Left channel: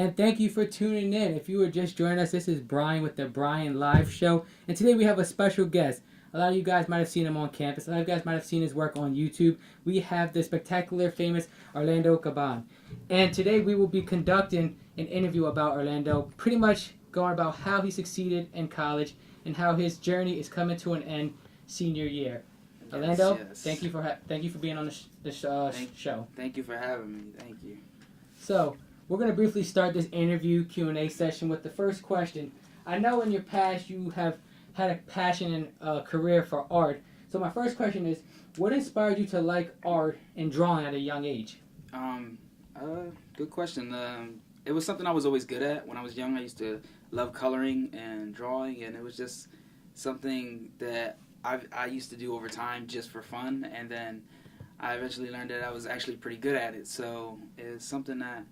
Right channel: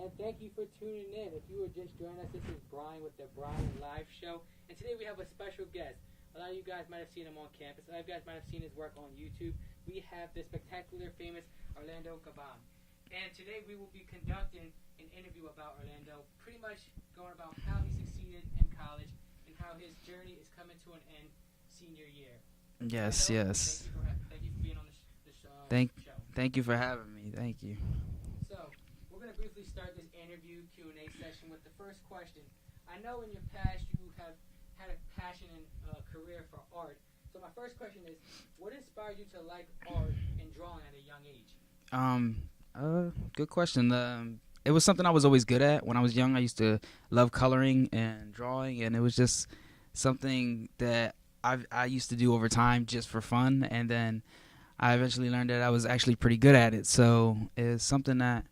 And thank you for tuning in. If you were just joining us, this is Brian with the Brian Live Show. And today we have a special guest. A lot of you guys might have seen him on campus. A lot of you guys might have seen his work on YouTube. We have the spectacular, famous Orlando Caban. And today we will be conducting an interview about Orlando, pretty much going about how he succeeded in college and how his journey is coming to an end senior year. Yes, Orlando, yes. thank you for being on the show. Thank you for having me. Thank you. So, we're going to briefly start this interview Q&A session with the first question. I know in your past you have had a passion and career for art. So my first question is, what inspired you to like art and drawing at a young age? Good question. It was something I was always good at. When I was young, I used to love coloring and drawing, and it was just something that I used to do over time just for fun. And then I eventually learned that I was actually pretty good at it. So it's something that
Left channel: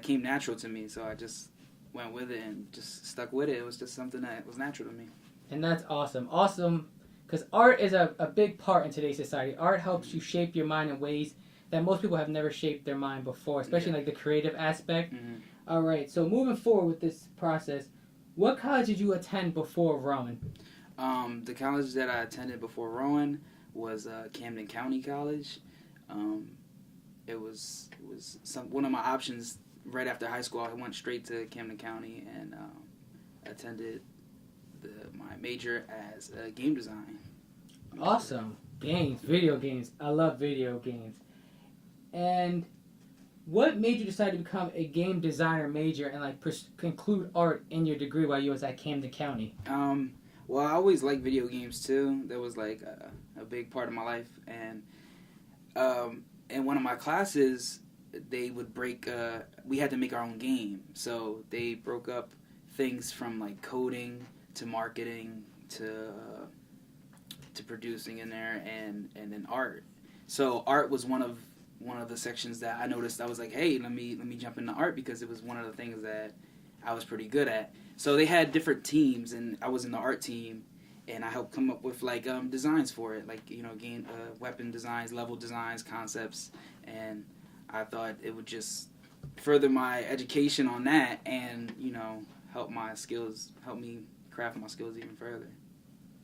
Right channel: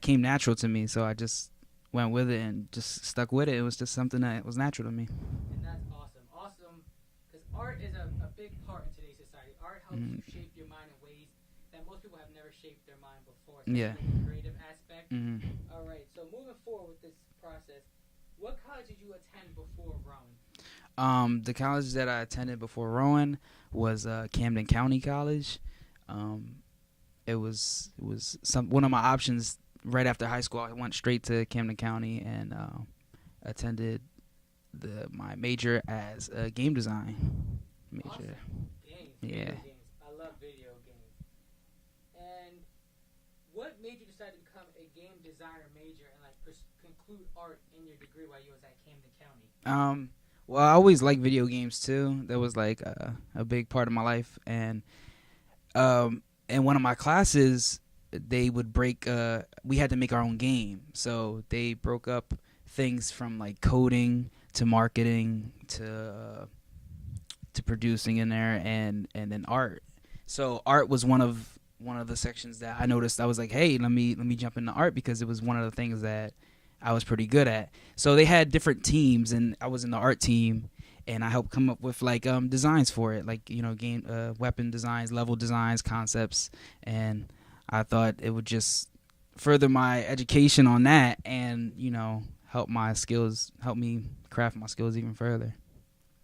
came natural to me. So I just went with it and just stuck with it. It was just something that was natural to me. And that's awesome. Awesome, because art is a big part in today's society. Art helps you shape your mind in ways that most people have never shaped their mind before, especially like the creative aspect. All right, so moving forward with this process, what college did you attend before Rowan? The college that I attended before Rowan was Camden County College. It was one of my options right after high school. I went straight to Camden County and attended my major as game design. Awesome. Games, video games. I love video games. And what made you decide to become a game designer major and like conclude art in your degree while you was at Camden County? Well, I always liked video games too. That was like a big part of my life. And in one of my classes, they would break. We had to make our own game, so they broke up things from like coding to marketing to producing in there, and then art. So art was one of the sections that I noticed. I was like, hey, let me jump into art because it was one of the things that I was pretty good at. So they had different teams, and I was in the art team, and I helped come up with like designs for it, like game weapon designs, level designs, concepts, and I thought it would just further my education on that, and help me craft my skills even further.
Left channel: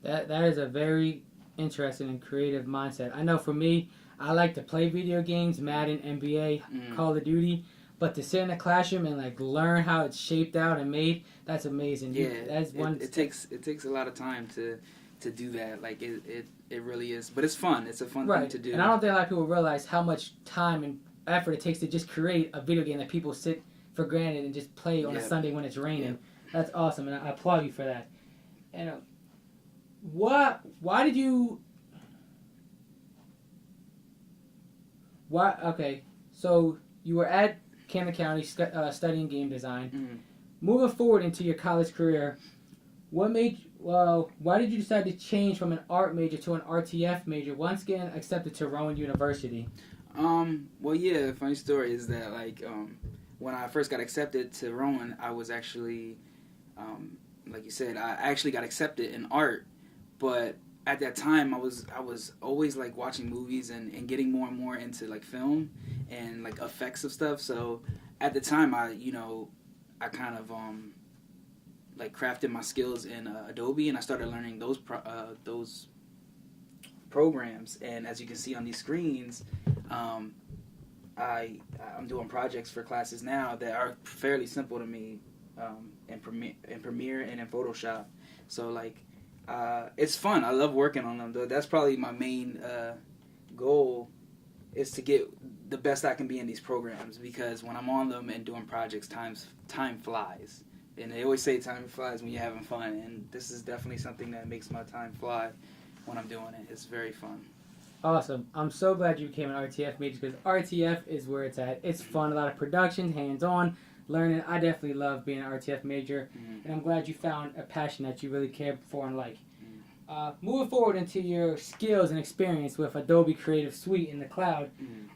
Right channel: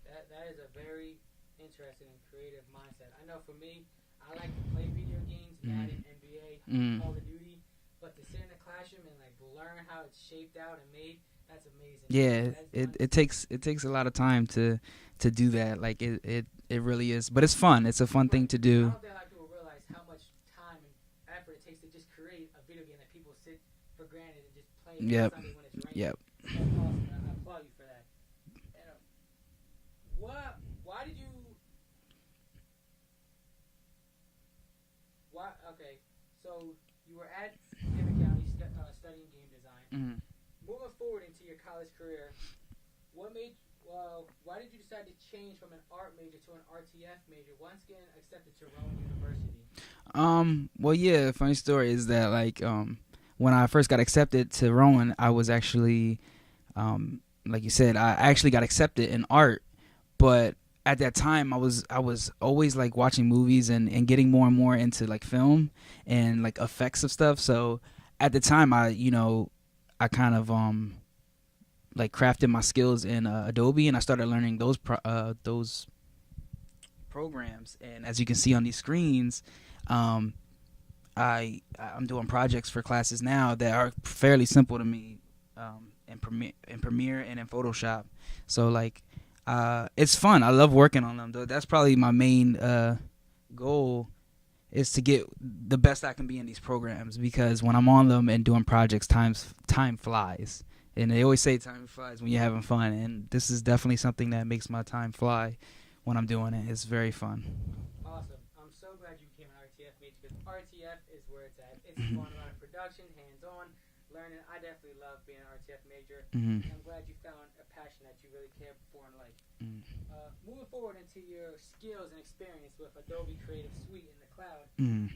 That is a very interesting and creative mindset. I know for me, I like to play video games, Madden, NBA, Call of Duty, but to sit in a classroom and like learn how it's shaped out and made, that's amazing. Yeah, it takes a lot of time to do that. Like it really is, but it's fun. It's a fun thing to do. And I don't think a lot of people realize how much time and effort it takes to just create a video game that people sit for granted and just play on a Sunday when it's raining. Yep. That's awesome, and I applaud you for that. And why did you? Okay, so you were at Camden County studying game design. Moving forward into your college career, why did you decide to change from an art major to an RTF major once getting accepted to Rowan University? Well, yeah, funny story is that like when I first got accepted to Rowan, I was actually like you said, I actually got accepted in art, but at that time I was always like watching movies and getting more and more into like film and like effects of stuff. So at the time I kind of like crafted my skills in Adobe, and I started learning those programs. And as you can see on these screens, I'm doing projects for classes now that are fairly simple to me in Premiere and in Photoshop. So like it's fun. I love working on them. That's probably my main goal, is to get the best I can be in these programs, because when I'm on them and doing projects, time flies. And they always say time flies when you're having fun, and this is definitely something that makes my time fly when I'm doing it. It's very fun. Awesome. I'm so glad you became an RTF major, because RTF is where it's at. It's fun, a lot of production, hands-on, learning. I definitely love being an RTF major, and I'm glad you found a passion that you really care for and like. Moving forward into your skills and experience with Adobe Creative Suite in the cloud,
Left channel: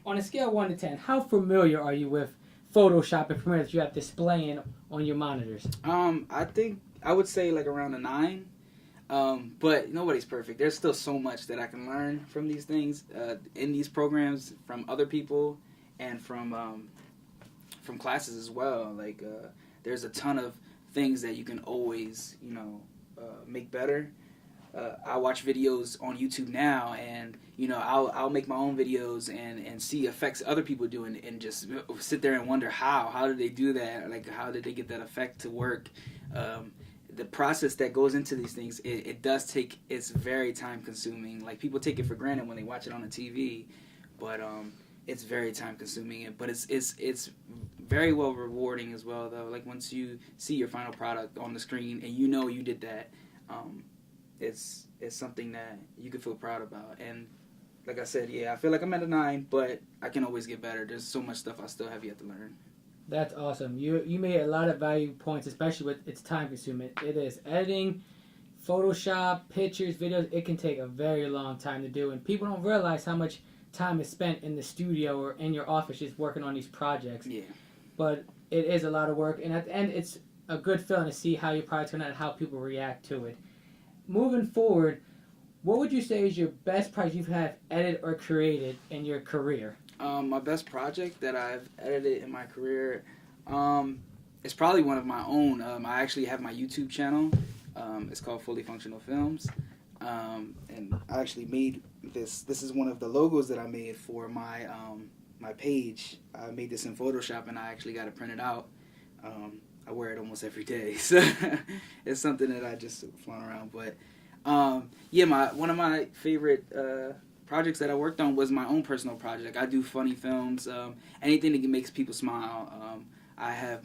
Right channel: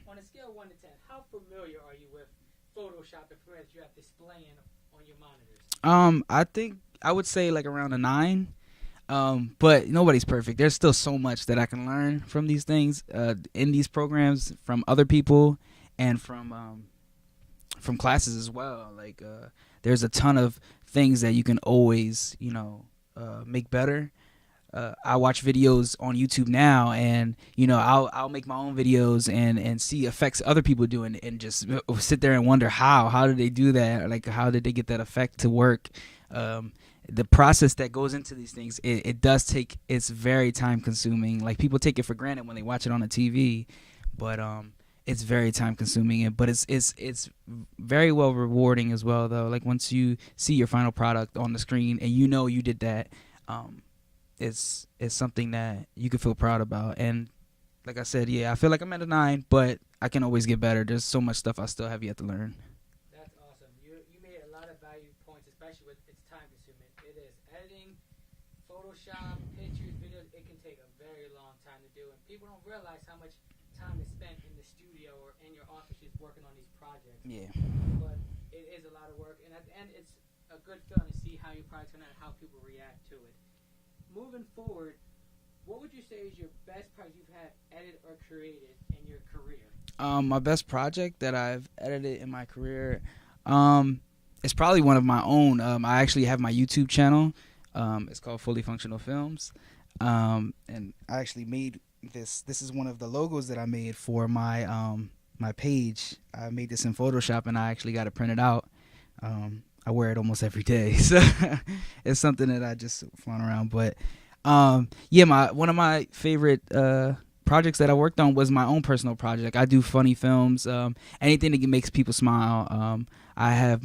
on a scale of 1 to 10, how familiar are you with Photoshop and Premiere that you have displaying on your monitors? I think I would say like around a 9. But nobody's perfect. There's still so much that I can learn from these things, in these programs, from other people, and from from classes as well. Like there's a ton of things that you can always, make better. I watch videos on YouTube now, and I'll make my own videos and see effects other people do, and just sit there and wonder how did they do that? Like, how did they get that effect to work? The process that goes into these things, it does take. It's very time consuming. Like, people take it for granted when they watch it on the TV, but it's very time consuming. But it's very well rewarding as well, though. Like, once you see your final product on the screen and you did that. It's something that you can feel proud about. And like I said, I feel like I'm at a 9, but I can always get better. There's so much stuff I still have yet to learn. That's awesome. You made a lot of value points, especially with its time consuming. It is editing, Photoshop, pictures, videos. It can take a very long time to do, and people don't realize how much time is spent in the studio or in your office just working on these projects. Yeah. But it is a lot of work, and at the end, it's a good feeling to see how your product's going to and how people react to it. Moving forward, what would you say is your best project you've had edited or created in your career? My best project that I've edited in my career, it's probably one of my own. I actually have my YouTube channel. It's called Fully Functional Films, and I actually made this. This is one of the logos that I made for my my page. I made this in Photoshop, and I actually got it printed out. I wear it almost every day, so it's something that I just flaunt around. But one of my favorite projects that I worked on was my own personal project. I do funny films, anything that makes people smile. I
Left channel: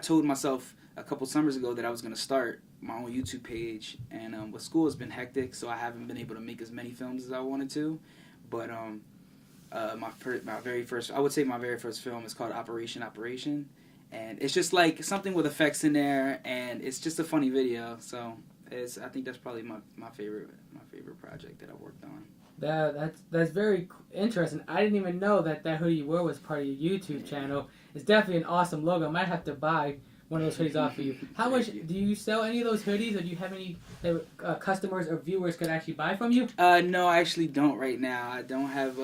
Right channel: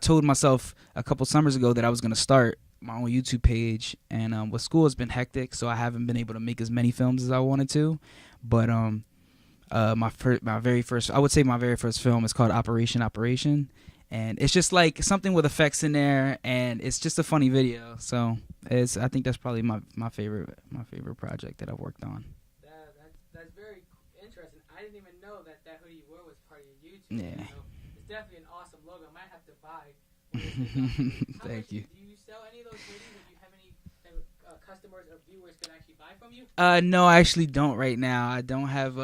told myself a couple summers ago that I was going to start my own YouTube page, and with school has been hectic, so I haven't been able to make as many films as I wanted to. But my very first film is called Operation. And it's just like something with effects in there, and it's just a funny video. So I think that's probably my favorite project that I've worked on. That's very interesting. I didn't even know that hoodie you wore was part of your YouTube channel. It's definitely an awesome logo. I might have to buy one of those hoodies off of you. How much do you sell any of those hoodies, or do you have any that customers or viewers could actually buy from you? No, I actually don't right now. I don't have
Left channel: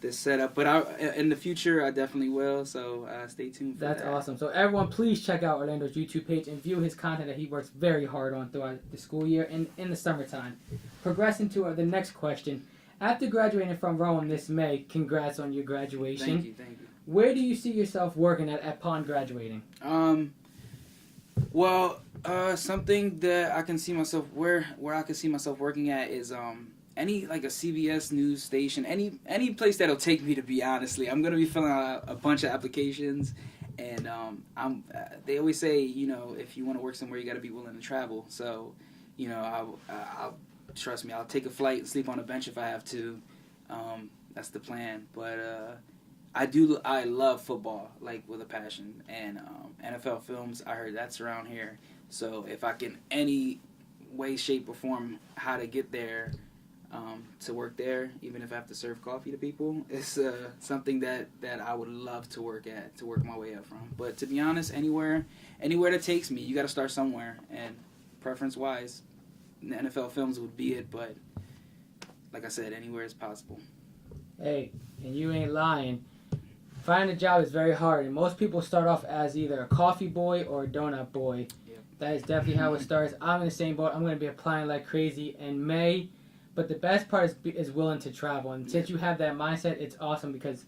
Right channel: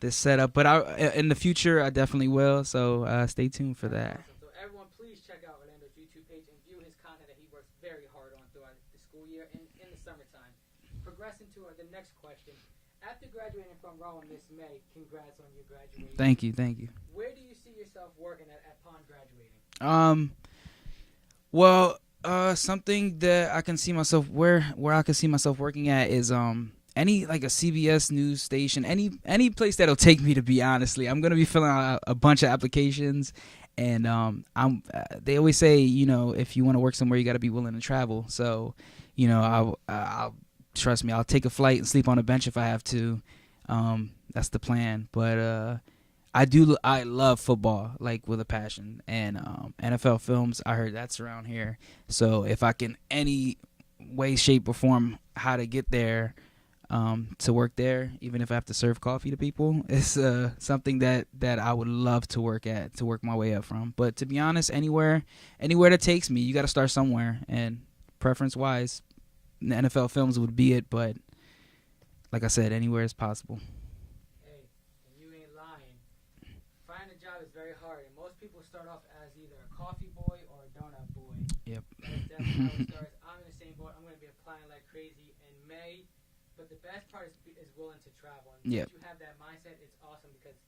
this setup, but in the future I definitely will, so stay tuned for that. That's awesome. So everyone, please check out Orlando's YouTube page and view his content that he works very hard on throughout the school year and in the summertime. Progressing to the next question. After graduating from Rome this May, congrats on your graduation. Thank you. Where do you see yourself working upon graduating? Something that I can see myself where I can see myself working at is any like a CBS news station, any place that'll take me. To be honestly, I'm gonna be filling out a bunch of applications, and they always say, if you want to work somewhere, you got to be willing to travel. So, I'll trust me, I'll take a flight and sleep on a bench if I have to. That's the plan. But I love football, like, with a passion, and NFL films. I heard that's around here. So if I can any way, shape, or form how to get there. To work there, even if I have to serve coffee to people, it's something that I would love to work my way up from. But to be honest, anywhere that takes me, you got to start somewhere. And preference-wise, the NFL films would be it. But like I said, anywhere is possible. Hey, and you ain't lying. Finding a job is very hard, and most people start off as either a coffee boy or a donut boy. Yep. That is definitely how it starts. I'm in the same boat. I'm going to be applying like crazy in May. But the best part is willing to travel. And since you have that mindset, it's awesome because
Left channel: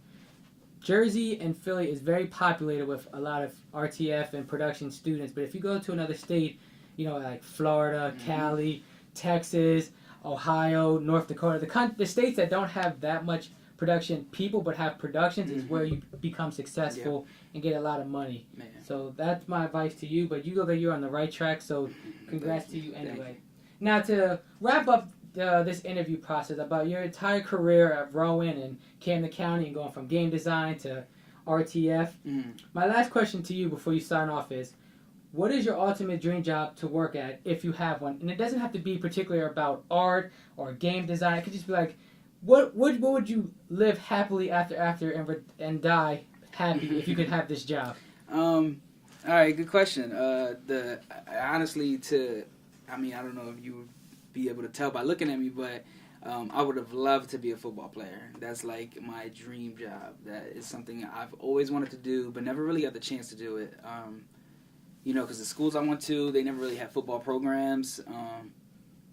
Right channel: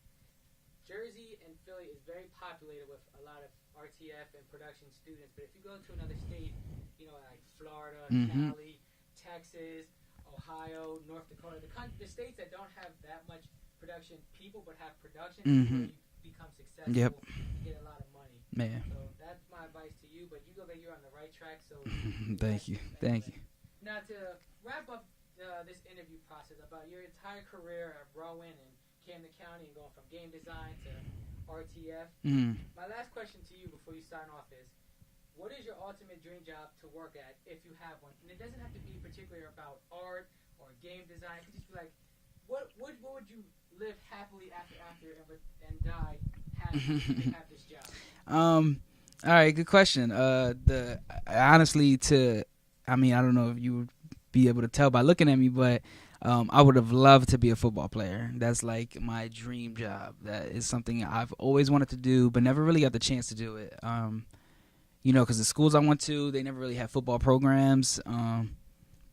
Jersey and Philly is very populated with a lot of RTF and production students. But if you go to another state, like Florida, Cali, Texas, Ohio, North Dakota, the states that don't have that much production people but have productions is where you become successful and get a lot of money. Man. So that's my advice to you. But you go there, you're on the right track. So congrats to you anyway. Now to wrap up this interview process about your entire career at Rowan and Camden County and going from game design to RTF. My last question to you before you sign off is, what is your ultimate dream job to work at if you have one? And it doesn't have to be particularly about art or game design. It could just be like, what would you live happily after and die happy if you could have this job? All right, good question. I don't know if you would be able to tell by looking at me, but I would have loved to be a football player. That's like my dream job. That is something I've always wanted to do, but never really got the chance to do it. Because the schools I went to, they never really had football programs.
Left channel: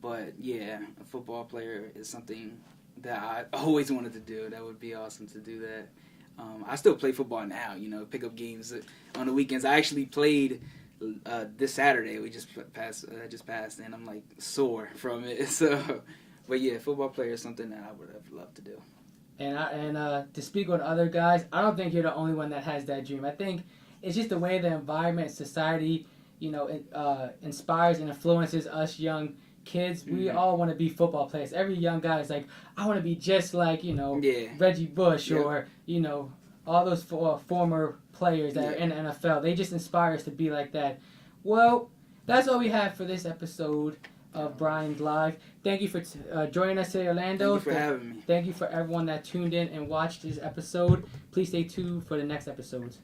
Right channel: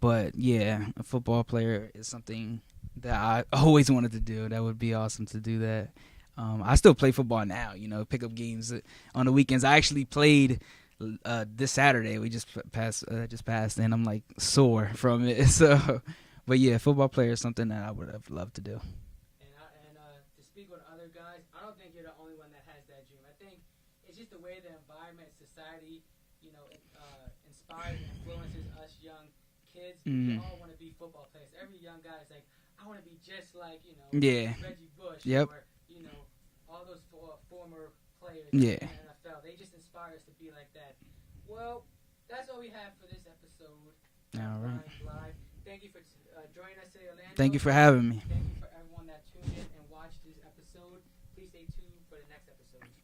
But yeah, a football player is something that I always wanted to do. That would be awesome to do that. I still play football now, pick up games on the weekends. I actually played this Saturday. We just passed, and I'm like sore from it. So, but yeah, football player is something that I would have loved to do. And to speak on other guys, I don't think you're the only one that has that dream. I think it's just the way the environment, society, inspires and influences us young kids. We all want to be football players. Every young guy is like, I want to be just like, Reggie Bush or, all those former players that are in the NFL. They just inspire us to be like that. Well, that's all we have for this episode of Brian's Live. Thank you for joining us today, Orlando. Thank you for having me. Thank you for everyone that tuned in and watched this episode. Please stay tuned for the next episodes.